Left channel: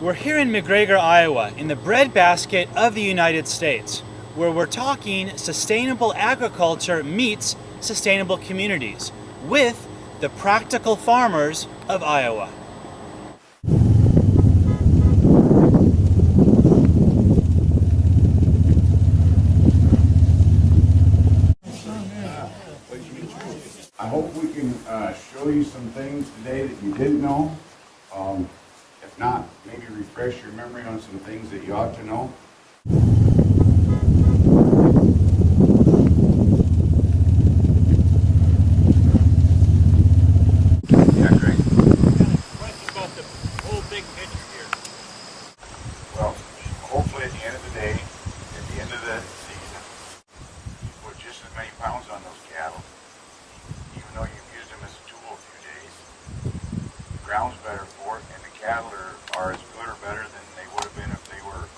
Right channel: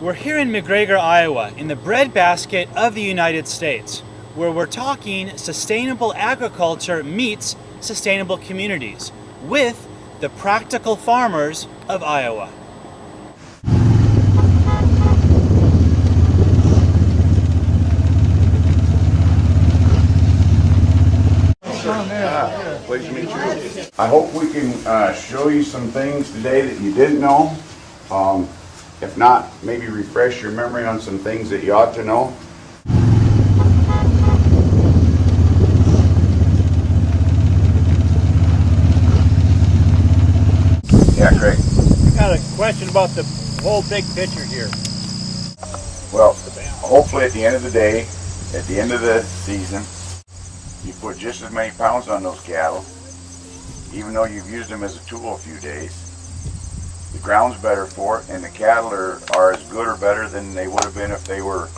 We're here in McGregor, Iowa, in the breadbasket of the United States, where we're talking sustainable agriculture meets sustainable communities with the practical farmers of Iowa. Pleased to meet you. I hope we can show you some things today that you didn't know. If not, maybe refresh your memory on some things that you ought to know. Yeah, Craig. I got a question about the whole big picture here. Well, hopefully at the end of the day, at the end of the season, you put just as many pounds on those cattle, even though you've used them as a tool a few days. The ground's better for it, and the cattle are as good or better than they would have been if they were,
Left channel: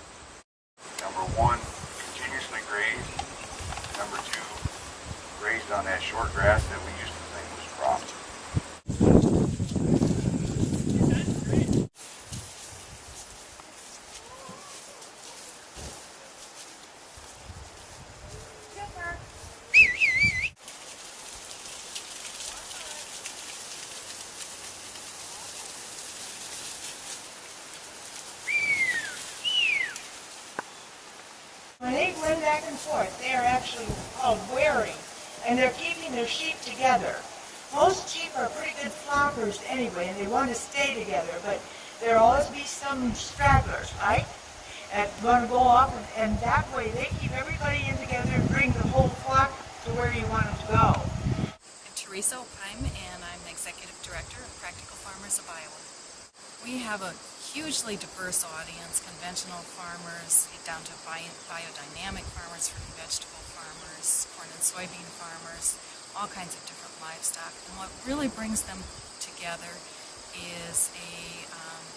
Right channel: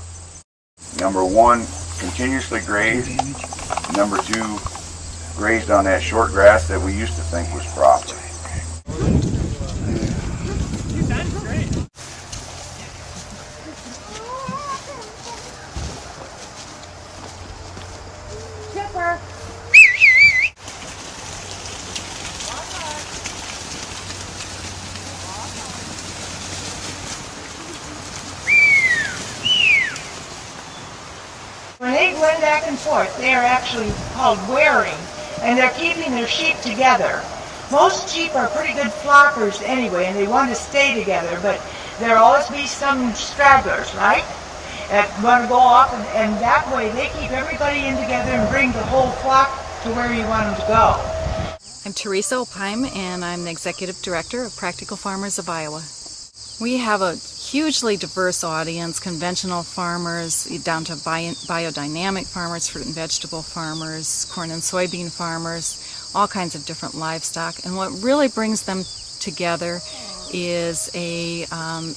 number one, continuously grazed, number two, grazed on that short grass that we used to think was proper. When they blend back and forth, they are actually called wearing, and they're keeping their sheep together. Most sheep are pretty good flockers anyway, and they want to stay together, but there'll always be some stragglers, right? That want to go off, and that way they keep everybody in together and bring the whole flock to where you want them to go. I'm Teresa Opheim, and I'm the Executive Director of Practical Farmers of Iowa. We have a hugely diverse audience, conventional farmers down to biodynamic farmers, fruit and vegetable farmers, corn and soybean farmers, all kinds of different livestock. And what really brings them together is a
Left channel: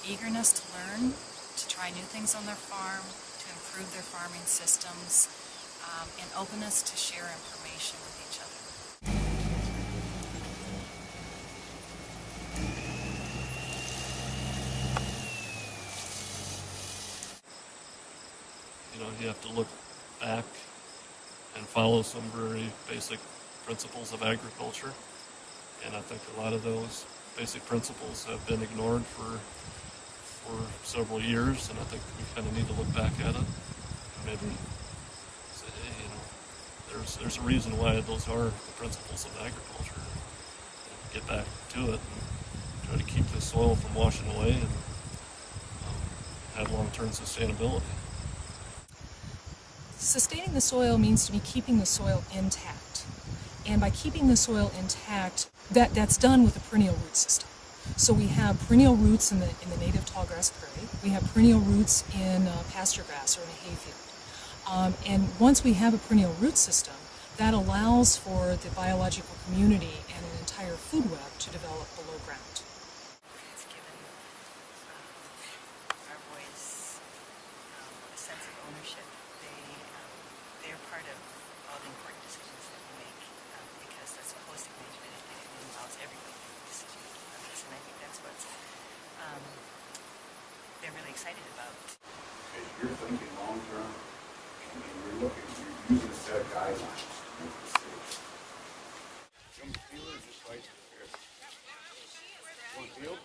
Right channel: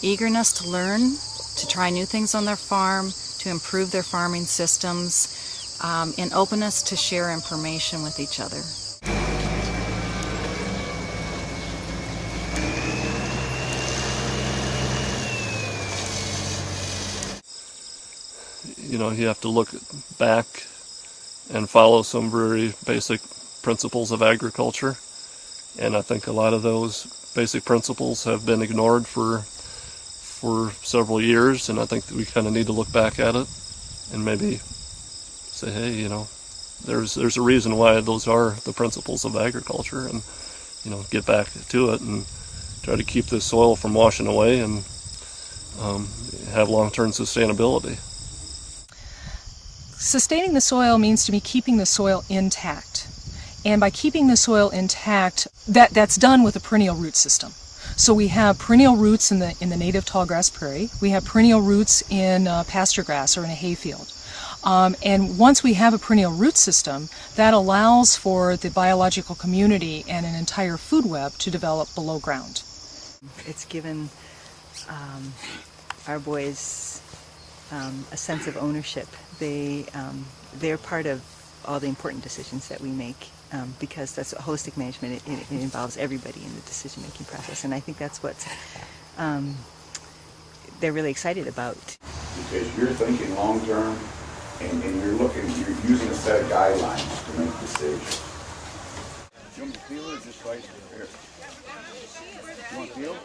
eagerness to learn, to try new things on their farm, to improve their farming systems, and openness to share information with each other. You know, you have to look back and follow some very basic principles of agriculture, and I think a lot of those basic principles have been ignored for several years, and I think that we kind of need to look back at it and maybe say, hey, you know, there's a reason why those are the principles of agriculture, and you know, get back to it and try to keep the soil from washing away and have long-term sustainability. Sustaining the soil means to me keeping the soil intact. And by keeping the soil intact, that's done with a perennial root system. So we have perennial roots in the native tallgrass prairie. We have perennial roots in pasture grass or in a hayfield. And once we have a perennial root system, that allows for the biological community and an entire food web to develop below ground. It's given our boys a sense of ownership. They're part of all the important decisions that we make because that's holistic management. It involves everybody in the decision-making process, and I think that's what they're really excited about. Because you're thinking long-term, and you're using a set of guidelines to make decisions. You want to peel it or just slice it? Here. You want to peel?